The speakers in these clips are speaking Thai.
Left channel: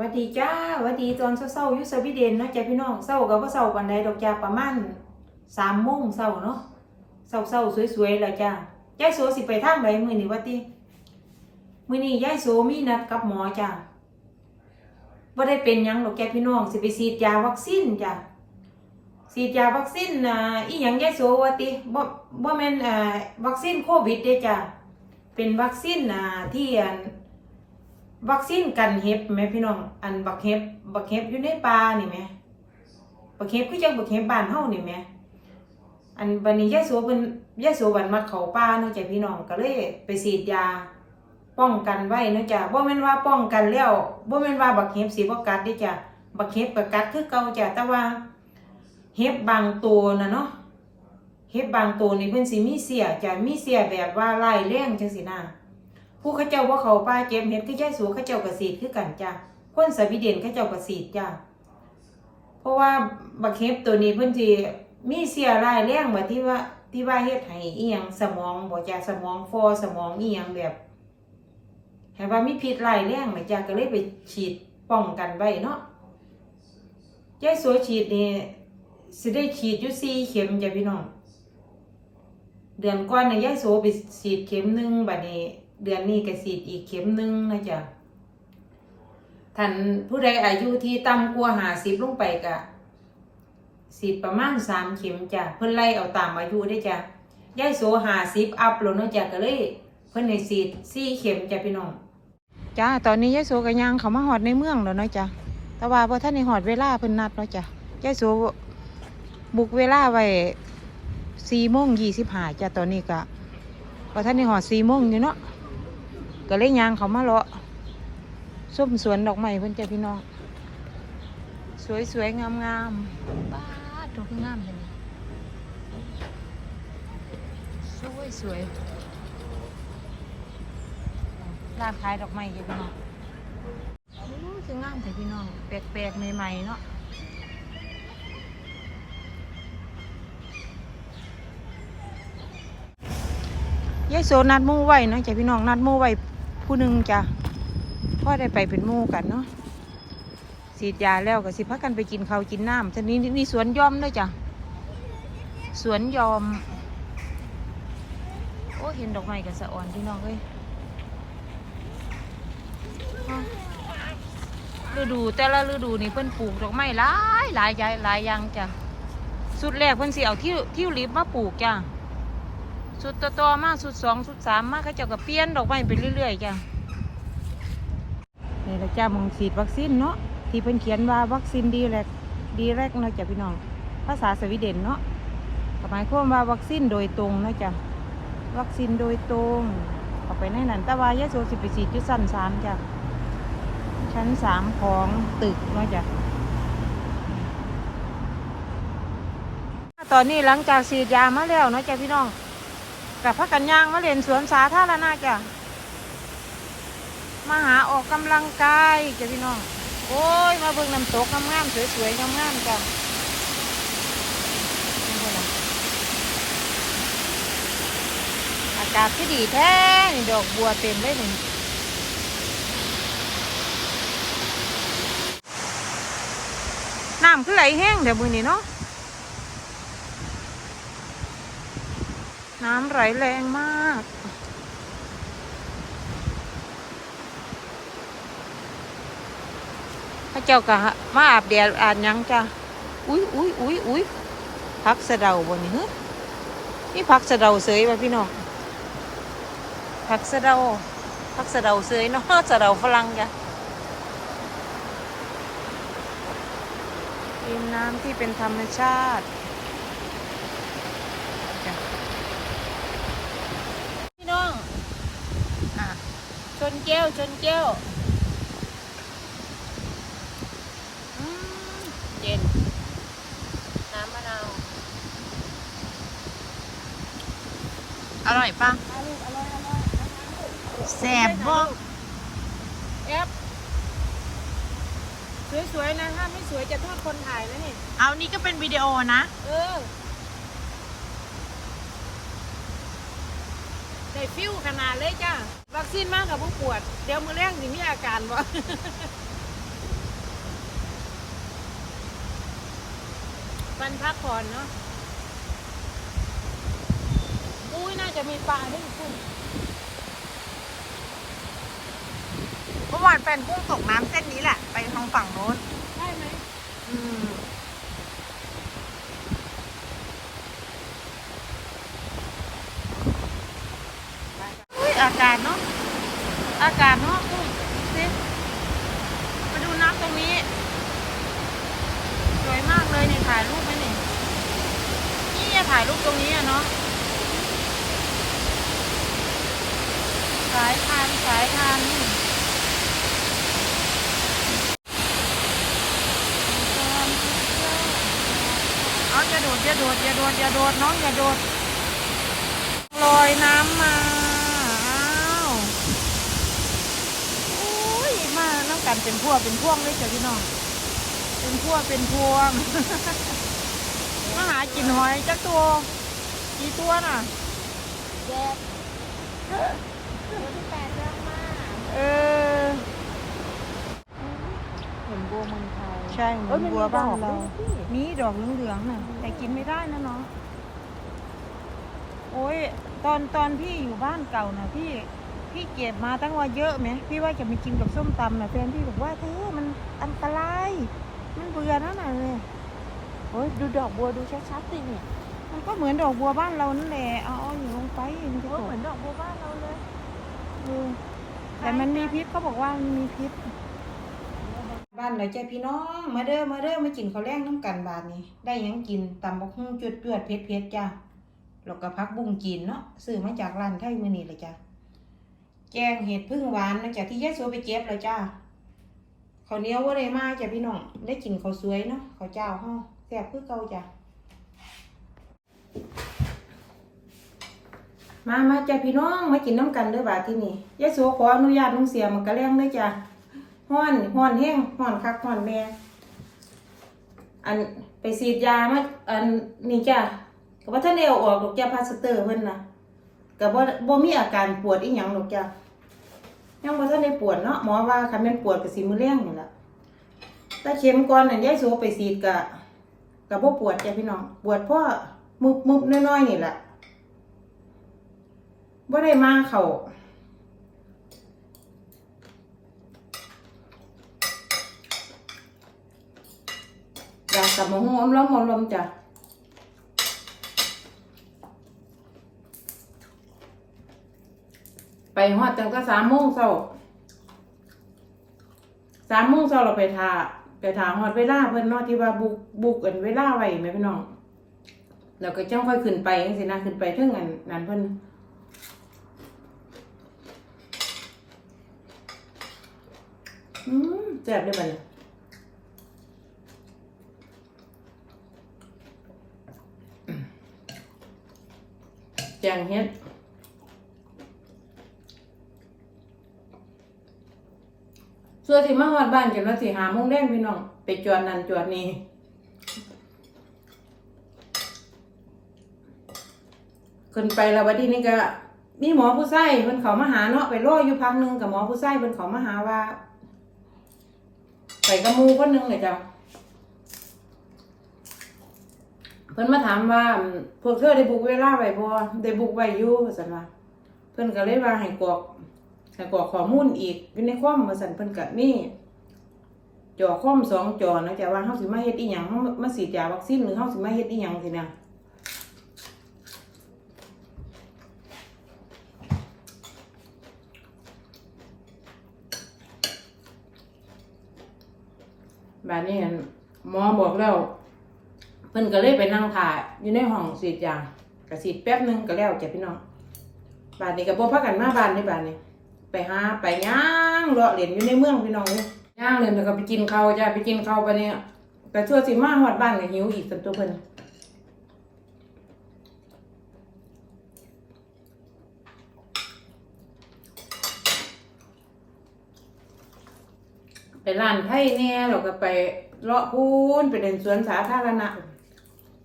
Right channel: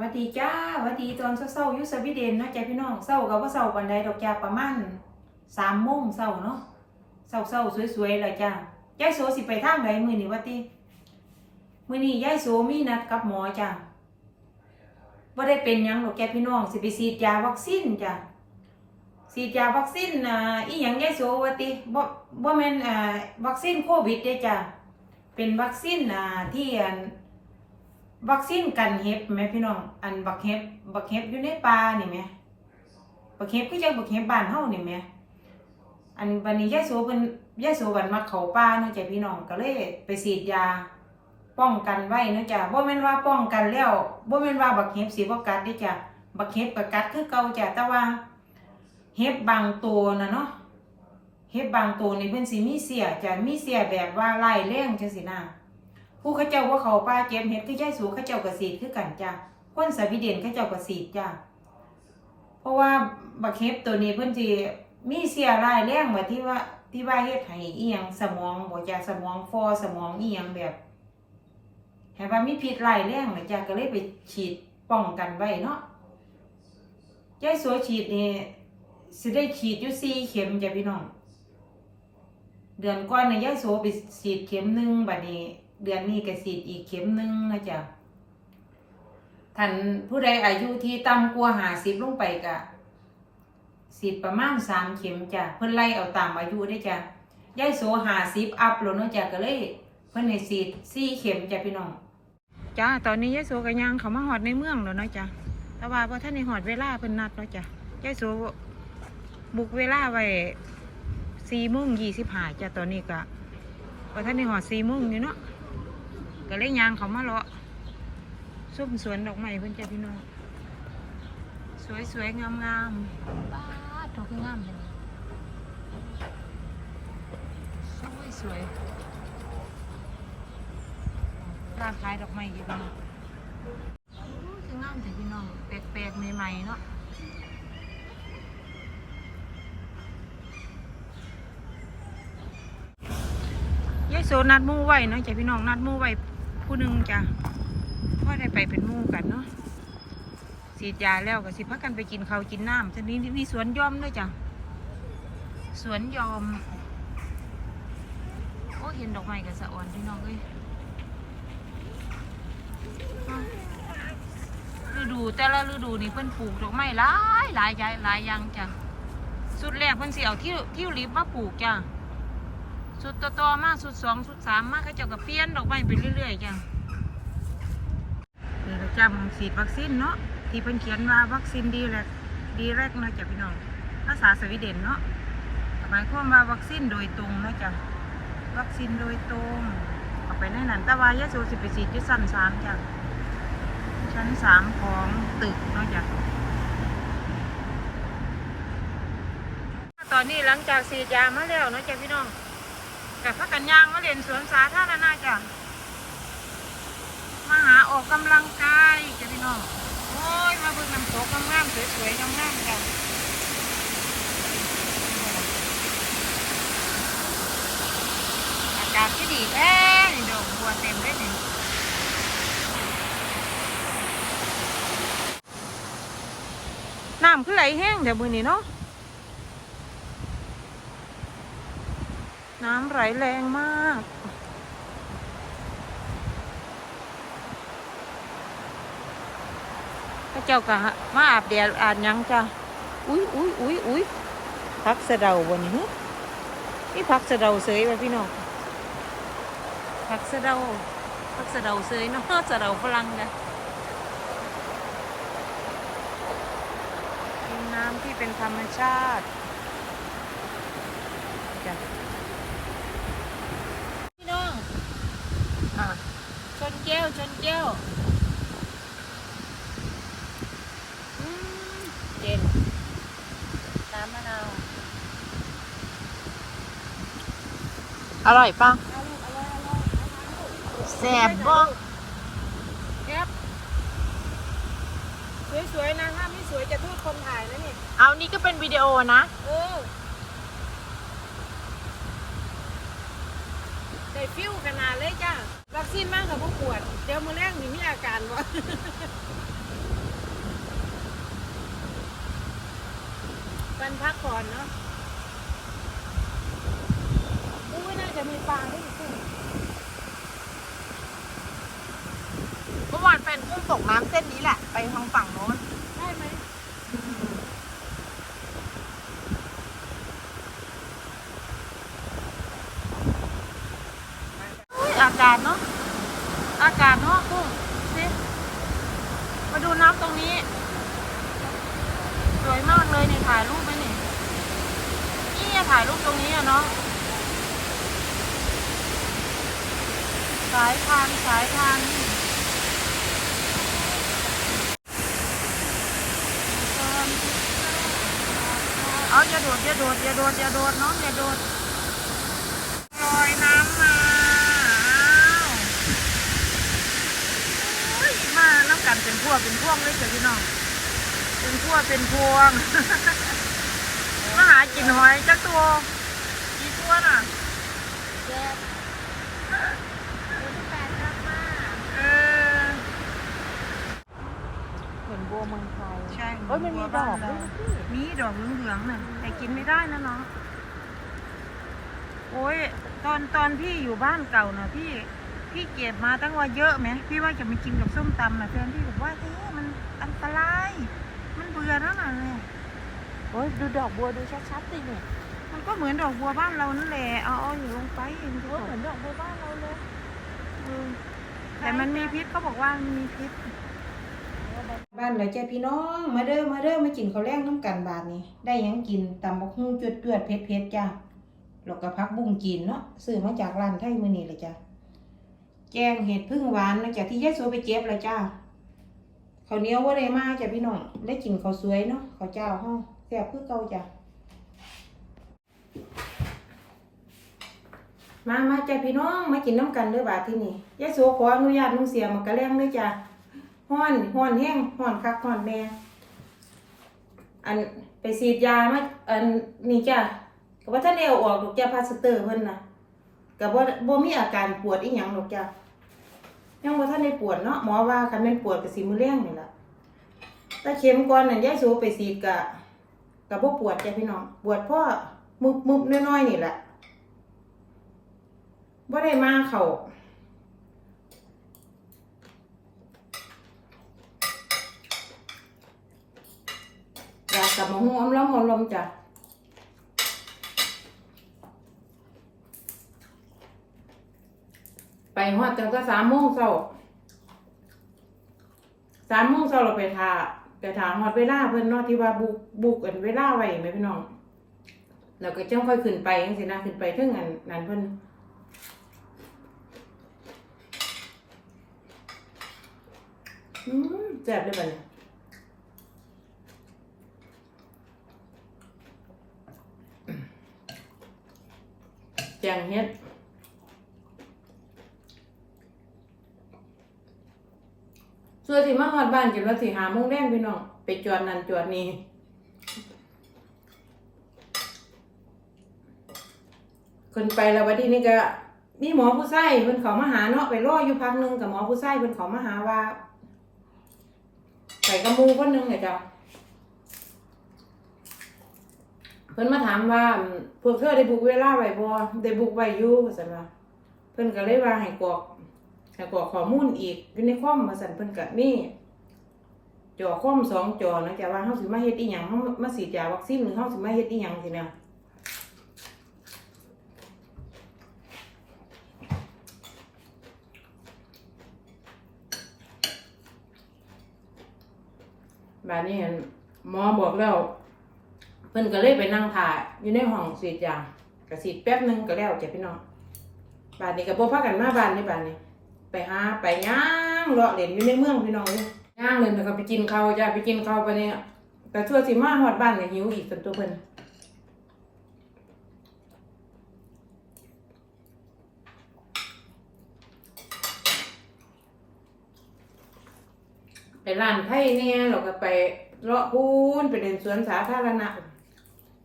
วัสดีจ้าวัสดีตอนเช้าๆยู่สวีเดนเนาะจ้าพี่น้องเช้าก็บ่เช้าปานใดดอกจ้าประมาณ3โมงเช้าเนาะเช้าๆสวยๆแล้วจ้ายายโสสิไปทางใดมื้อนี้วะติมือนี้ยายโสมีนัดกับหมอจ้าบ่าได้เป็นยังดอกแกพี่น้องสิไปฉีดยาวัคซีนจ้าฉีดยาวัคซีนอ่าอีหยังยายโสวะติบ่บ่แม่นอ่าวัคซีนโควิดเด้จ้าเป็นวัคซีนอ่าที่อัน วัคซีนกันเห็บแม่พี่น้อง อันบักเห็บบักเห็บอยู่ในป่านี่แหม่บักเห็บคือจังบักเห็บบ้านเฮานี่แหม่อันวันนี้ยายโสเพิ่นยายโสวันมาเขาป่าเนาะจ้ะพี่น้องก็เลยไปฉีดยา ป้องกันไว้เนาะจ้ะบ่แม่นว่าป้องกันแล้วบ่แม่นว่าบักเห็บสิบ่กัดเด้จ้ะบักเห็บก็กัดคือเก่าจ้ะแต่ว่าเห็บบางตัวนะเนาะเห็บบางตัวนี่เพิ่นสิมีเสียจ้ะมีเสียแบบว่าร้ายแรงจังซี่นะ ผู้เขาเจ้าว่าเขาป้าเก็บเห็ดคือย่ายสูเขาเจ้ากระสีดคือกันจ้าคนสวีเดนเขาเจ้ากระสีดจ้าเพราะว่าบักเห็บตัวนี้เพิ่อนสิมีเสียรายแรงแบบที่ว่าที่ว่าเฮ็ดให้อียงสมองบ่จ้าสมองฟอสมองเอียงแบบให้ว่ามีพิษรายแรงนะจ้ากก็เลยไปฉีดป้องกันไว้เนาะยายสัวฉีดนี่สิได้ฉีดอยู่สี่เข็มจ้ะพี่น้อง เดือนก่อนน่ะยายโสไปฉีดเข็มหนึ่งบัดนี้ เดือนนี้ก็ฉีดอีกเข็มหนึ่งนะจ๊ะท่านผู้ใดอายุที่ต่ำกว่าหาสิบลงไปก็ฉีดประมาณสามเข็มจ้ะเพิ่นไล่เอาตามอายุได้จ้ะยายโสหาสิบอัพแล้วเนาะจ้ะก็เลยเพิ่นให้ฉีดสี่เข็มจ้ะพี่น้องจ้าตอนนี้ยายโสก็ย่างเขามาหอดในเมืองแล้วเนาะจ้ะแต่ว่าพอท่านในหอดเวลาเพิ่นนัดเนาะจ้ะยายโสบุกเวลาไว้สี่โมงยี่สิบห้าจ้ะตอนนี้ก็พอท่านในหอดสี่โมงอยู่เนาะ ก็เลยยางเขามาเลาะส้มสวนดอกไม้เพิ่อนจ้ะพี่น้อง สวยสวยงามงามๆบ้าดอกคืองามเลยสวยสวยร้านขายดอกไม้จ้ะพี่น้องโอ้คืองามแต่พี่น้องแปลกๆใหม่ๆเนาะยายโซนัดมู่ไว้เนาะจ้ะพี่น้องนัดมู่ไว้ ผู้หนึ่งจ้ะพ่อได้ไปเป็นมู่กันเนาะฉีดยาแล้วก็สิพักกันไปกินข้าวกินน้ำทีนี้มีสวนยอมด้วยจ้ะสวนยอม โอ้เห็นดอกไม้กับสะอ่อนพี่น้องเลยฤดูแต่ละฤดูนี่เพิ่นปลูกดอกไม้หลายหลายใหญ่หลายอย่างจ้ะสุดแรกเพิ่นสิเอาที่ที่ลิบมาปลูกจ้ะ สุดต่อต่อมาสุดสองสุดสามมาเขาเจ้าก็เปลี่ยนดอกไม้ไปเรื่อยๆจ้ะนี่เราจ้ามองฉีดวัคซีนเนาะที่เพิ่นเขียนว่าวัคซีนดีแรกดีแรกนะจ้ะพี่น้องภาษาสวีเดนเนาะก็หมายความว่าวัคซีนโดยตรงนะจ้ะวัคซีนโดยตรงเอาไปในนั้นต่ว่ายาโซสิไปฉีดที่ชั้นสามจ้ะชั้นสามของตึกเนาะจ้ะตอนนี้หลังจากฉีดยามาแล้วนะจ้ะพี่น้อง กับพักกันย่างมาเรียนสวนสาธารณะจ้ะมาหาออกกำลังกายจ้ะพี่น้อง โอ้ย มาเบิ่งน้ำตกงามๆสวยๆงามๆจ้ะอากาศที่ดีแท้นี่ดอกบัวเต็มเลยนี่น้ำคือไหลแห้งเดี๋ยวมือนี้เนาะ น้ำไหลแรงมาก พระเจ้ากะมาอาบแดดอาบยังจ้ะ อุ้ยอุ้ยอุ้ยอุ้ยพักสะเดาบนนี้ฮะนี่พักสะเดาเสยป่ะพี่น้องพักสะเดาพักสะเดาเสยเนาะสะเดาฝรั่งจ้ะริมน้ำที่เป็นธรรมชาติจ้ะ พี่น้อง อะ ชนแก้ว ชนแก้วอืมเย็น น้ำมะนาว อร่อยปะอร่อยอร่อยอร่อยแสบบ่เอฟสวยๆนะถ้าไม่สวยจะโทษคนถ่ายแล้วนี่ เอานี่ก็เป็นวิดีโอนะ เออ ได้ฟิวขนาดเลยจ้าวัคซีนมากกับพวกปวด เดี๋ยวมือแรงนี่มีอาการวะกันพักก่อนเนาะอุ้ยน่าจะมีปลาด้วยกุ้งเมื่อวานแฟนกุ้งตกน้ำเส้นนี้แหละ ไปทางฝั่งโน้น อากาศเนาะ อากาศเนาะกุ้งสิมาดูน้ำตรงนี้ สวยมากเลยเนี่ยถ่ายรูปไหมเนี่ยนี่อะถ่ายรูปตรงนี้อะเนาะ สายทานสายทานนี่เอาอย่าโดดอย่าโดดอย่าโดดอย่าโดดน้องอย่าโดดลอยน้ำมาอ้าวโอ้ยมาน้ำ กันเป็นพวกเป็นพวงเลยจ้ะพี่น้อง เป็นพวกเป็นพวงมาหากินหอยจักตัวกี่ตัวน่ะแดดแปดเดินมาเออใช่เหมือนบัวบ้านเรา มีดอกเหลืองๆน่ะ แต่กินไม่ได้นะเนาะโอ้ยตอนตอนพี่อยู่บ้านเก่าน่ะพี่ พี่เก็บมาตั้งว่าเยอะไหมพี่ว่าจะมากินกับส้มตำน่ะแฟนพี่บอกว่าเธอมันอันตราย มันเบื่อแล้วน่ะเลยอุ๊ยดูดอกบัวดูชัดๆสินี่มันก็เหมือนดอกบัวบ้านเรานั่นแหละเอาเอาอยู่ลงไปมันจะโอ้ตกเหมือนดอกบัวบ้านเราเลยเออแต่มันมีพิษเขาบอกว่ามันมีพิษ บ้านเลยจ้าพี่น้อง มาเด้อมาเด้อมากินข้าวแรงน้ำกันบาทนี้ ได้หยังกินตำบักหุ่งจวดจวดๆเผ็ดเผ็ดๆจ้าแล้วก็พักบุ้งจีนเนาะซื้อมาจากร้านไทยมื้อนี้เลยจ้า แกงเห็ดพึ่งหวานนะจ้าที่ยายสัวไปเจ็บเลยจ้าข้าวเหนียวว่าได้มาจ้าพี่น้องได้กินข้าวสวยเนาะข้าวเจ้าเฮาแซ่บคือเก่าจ้ามามาจ้าพี่น้องมากินน้ำกันด้อบาทที่นี่ยายสัวขออนุญาตลุงเสียมากระเลี้ยงเด้อจ้าห้อนห้อนแห้งห้อนคักห้อนแม่อันไปฉีดยามาอันนี่จ้ะก็บ่ทันเอาออกดอกจ้ะพาสเตอร์เพิ่นนะก็บ่บ่มีอาการปวดอีหยังดอกจ้ะ ยังบ่ทันได้ปวดเนาะหมอว่าคันแม่นปวดก็สิมื้อแรงนี่ล่ะถ้าเข็มก่อนนั่นยายโสไปฉีดก็ก็บ่ปวดจ้ะพี่น้องปวดเพราะมุบๆน้อยๆนี่แหละบ่ได้มาเขาอย่างกับหมูหอมล้อมอมลมจ้ะ ไปฮอดตั้งแต่สามโมงเช้าสามโมงเช้าเราไปทาไปถามฮอดเวลาเพิ่นเนาะที่ว่าบุกบุกกันเวลาไว้ไหมพี่น้องแล้วก็จ้องค่อยขึ้นไปจังซี่นะขึ้นไปถึงอันนั้นเพิ่นอืมแซ่บเลยบัดนี้แจงเฮ็ด ส่วนที่มาฮอดบ้านกันว่าสิหาโมงแดงพี่น้องไปจอดนั่นจอดนี่ขึ้นไปแล้ววันที่นี้ก็มีหมอผู้ชายเพิ่นเขามาหาเนาะไปรออยู่พักหนึงกับหมอผู้ชายเพิ่นเขามาหาว่าไปกับหมูคนหนึงเลยจ้ะเพิ่นมาถามว่าอืมพวกเธอได้บุกเวลาไว้บ่ได้บุกไว้อยู่ว่าซั่นว่าเพิ่นก็เลยว่าให้กรอก ให้กรอกข้อมูลอีกอยู่ในคอมว่าซั่นเพิ่นก็มีจอคอมสองจอนะจ๊ะว่าเฮาสิมาเฮ็ดอีหยังเฮามาฉีดยาวัคซีนหรือเฮาสิมาเฮ็ดอีหยังสินะบาดนี้เห็นหมอบอกแล้ว เพิ่นก็เลยไปนั่งถ่ายอยู่ในห้องสีดยาก็สีดแป๊บนึงก็แล้วจ้ะพี่น้องบาดนี้ก็บ่พากันมาบ้านนี่บาดนี้ ไปหาไปย่างเลาะเล่นอยู่ในเมืองพี่น้องเอ้ยย่างเล่นแล้วก็ไปกินข้าวจ้ะไปกินข้าวไปเนี่ยแต่ทั่วสิมาฮอดบ้านก็หิวอีกสันตัวเพิ่นไปร้านไผ่แน่แล้วก็ไปเลาะพูนไปเล่นสวนสาธารณะ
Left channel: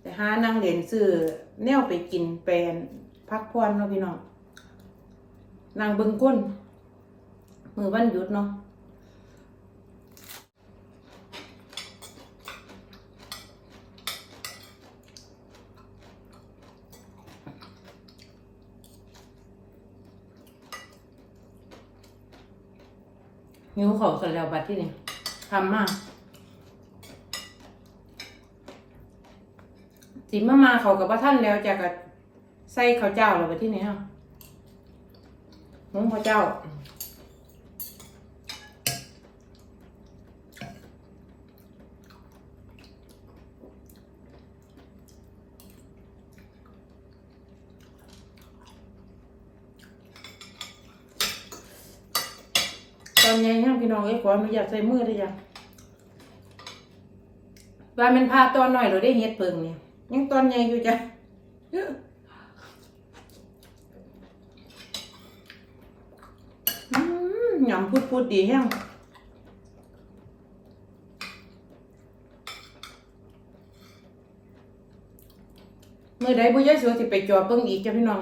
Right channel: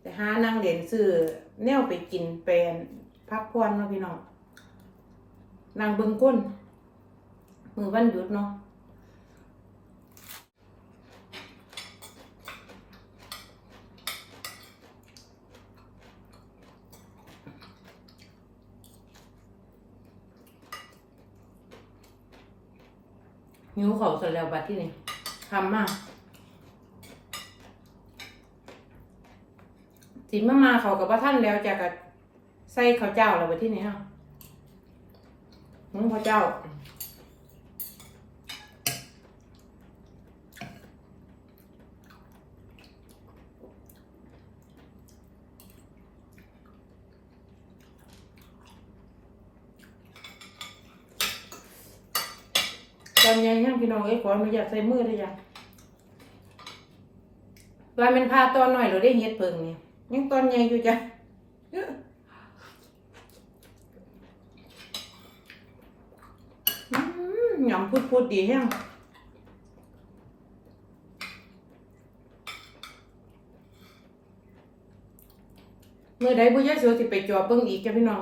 แต่หานั่งเหรียนซื้อแนวไปกินเป็นพักผ่อนเนาะพี่น้องนั่งเบิงก้น มือวันหยุดเนาะหิวเขาเสร็จแล้วบัดที่นี่ทำมากสิมามาเขากับพระท่านแล้วจะกับใส่ข้าวเจ้าเราไปที่ไหนฮะหมูข้าวเจ้า อนยังยังพี่น้องเอ้ยขออนุญาตใส่มือได้ยังว่าเป็นพาตอนหน่อยเราได้เฮ็ดเพิงเนี่ยยังตอนใหญ่อยู่จ้ะอืมหยำพูดพูดดีแฮงเมื่อใดบุญยะเสือสิไปจอเบิ่งอีกจ้ะพี่น้อง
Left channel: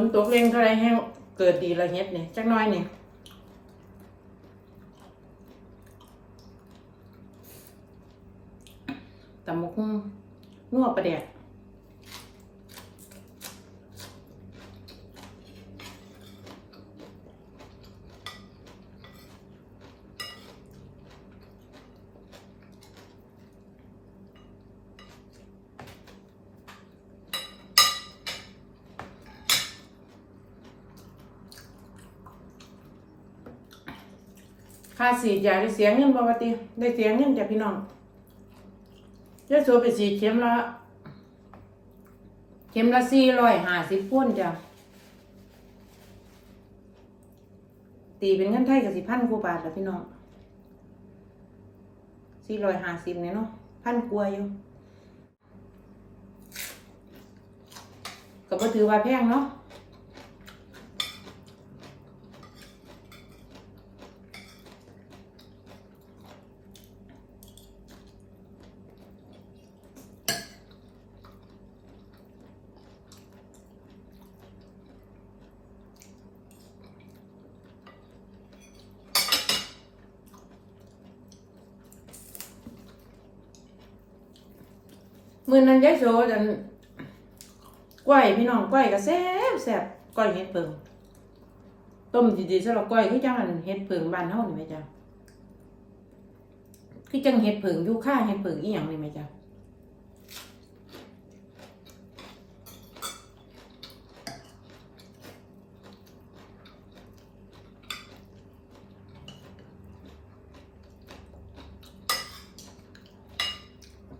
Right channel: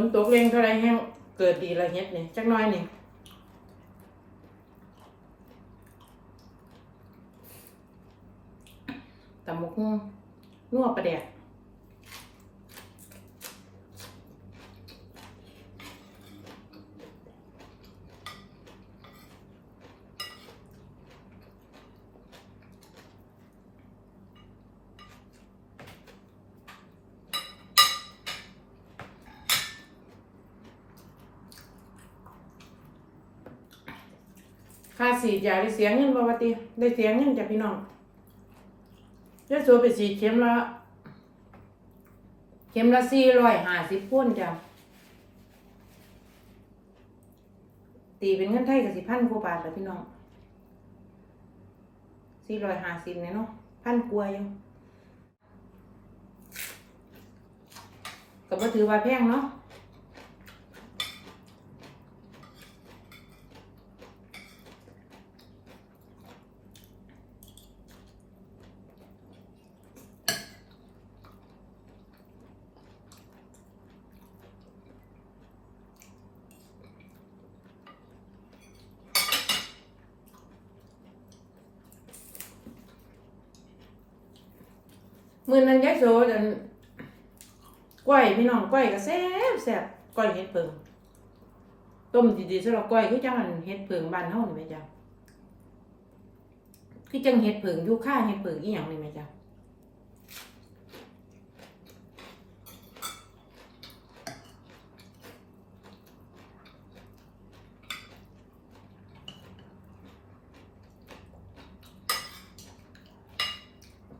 นตกเร่งเท่าไรให้เกิดดีละเฮ็ดเนี่ยจักน้อยเนี่ยตำมกหุ่งนัวประแดกค่า สีดยาได้เสียเงินบ่วติได้เสียเงินจากพี่น้องยาโซไปสีดเข็มละเข็มละสี่ร้อยห้าสิบพ้นจ้ะตีเป็นเงินไทยกับสิพันกว่าบาทแล้วพี่น้องสี่ร้อยห้าสิบเนี่ยเนาะพันกว่าอยู่ก็บ่ถือว่าแพงเนาะ มือนั้นยายโซดันก้อยพี่น้องก้อยก็แซ่บแซ่บก้อยเห็ดเพิงต้มดีๆสำหรับก้อยคือจังอันเห็ดเพิงบ้านเฮานี่ไหมจ๊ะคือจังเห็ดเพิงอยู่ค่าเห็ดเพิงอีหยังนี่ไหมจ๊ะ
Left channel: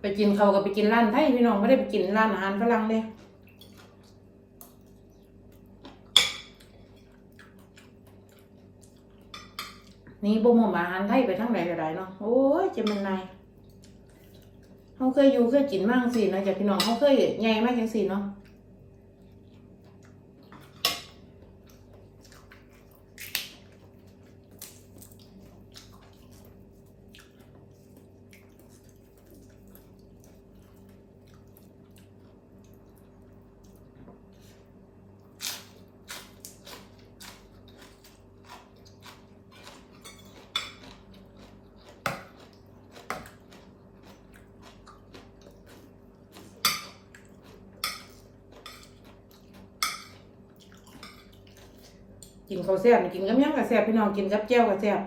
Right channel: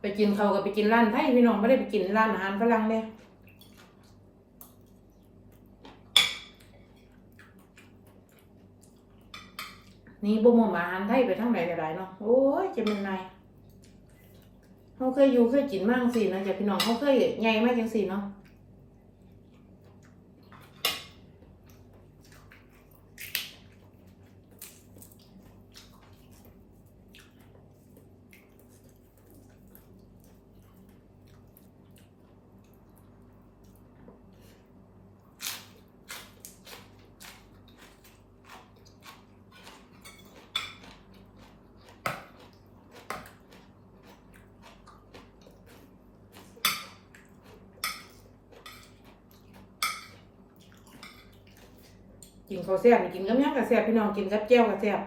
ไป กินเขาก็ไปกินร้านไทยพี่น้องไม่ได้ไปกินร้านอาหารฝรั่งเลยนี่บ่มอาหารไทยไปทั้งไหนก็ได้เนาะโอ้ยจะเป็นไงเขาเคยอยู่เคยกินมากสินะจากพี่น้องเขาเคยใหญ่มากจังสิเนาะ กินข้าวแซ่บนี่กินกับเมี่ยงกับแซ่บพี่น้องกินกับแจ่วกับแซ่บ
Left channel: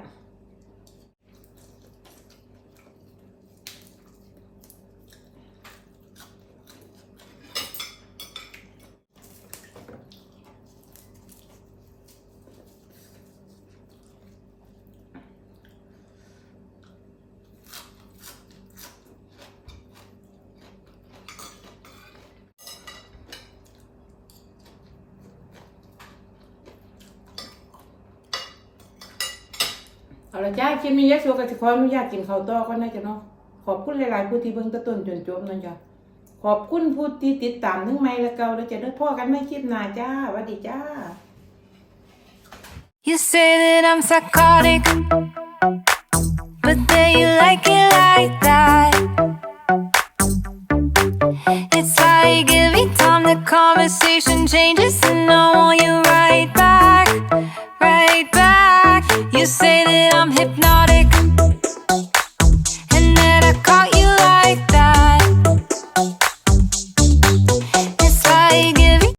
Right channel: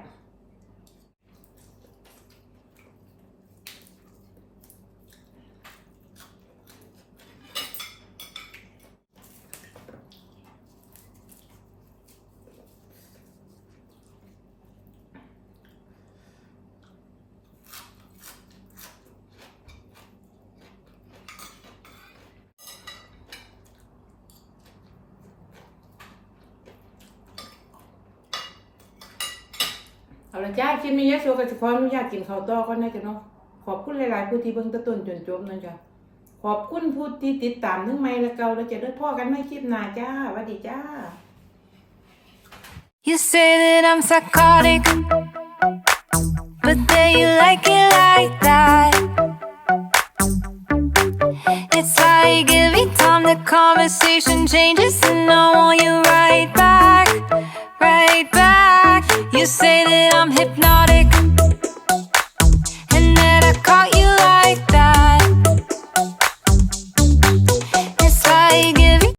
ละจ้าคลิปนี้ยายโซก็จะขออนุญาตกินข้าวต่อก่อนนะจ๊ะเนาะขอบคุณหลายๆผู้ที่เบิ่งตะต้นจนจบนะจ๊ะขอบคุณผู้ที่ติดตามทั้งใหม่และเก่าแล้วจะได้พ่อกันไม่คลิปหน้าจ้าสวัสดีจ้า You say that I'm psychotic, but then you like it like that. It's like every time the conversation changes, and I want you right back. You say that I'm hypnotic.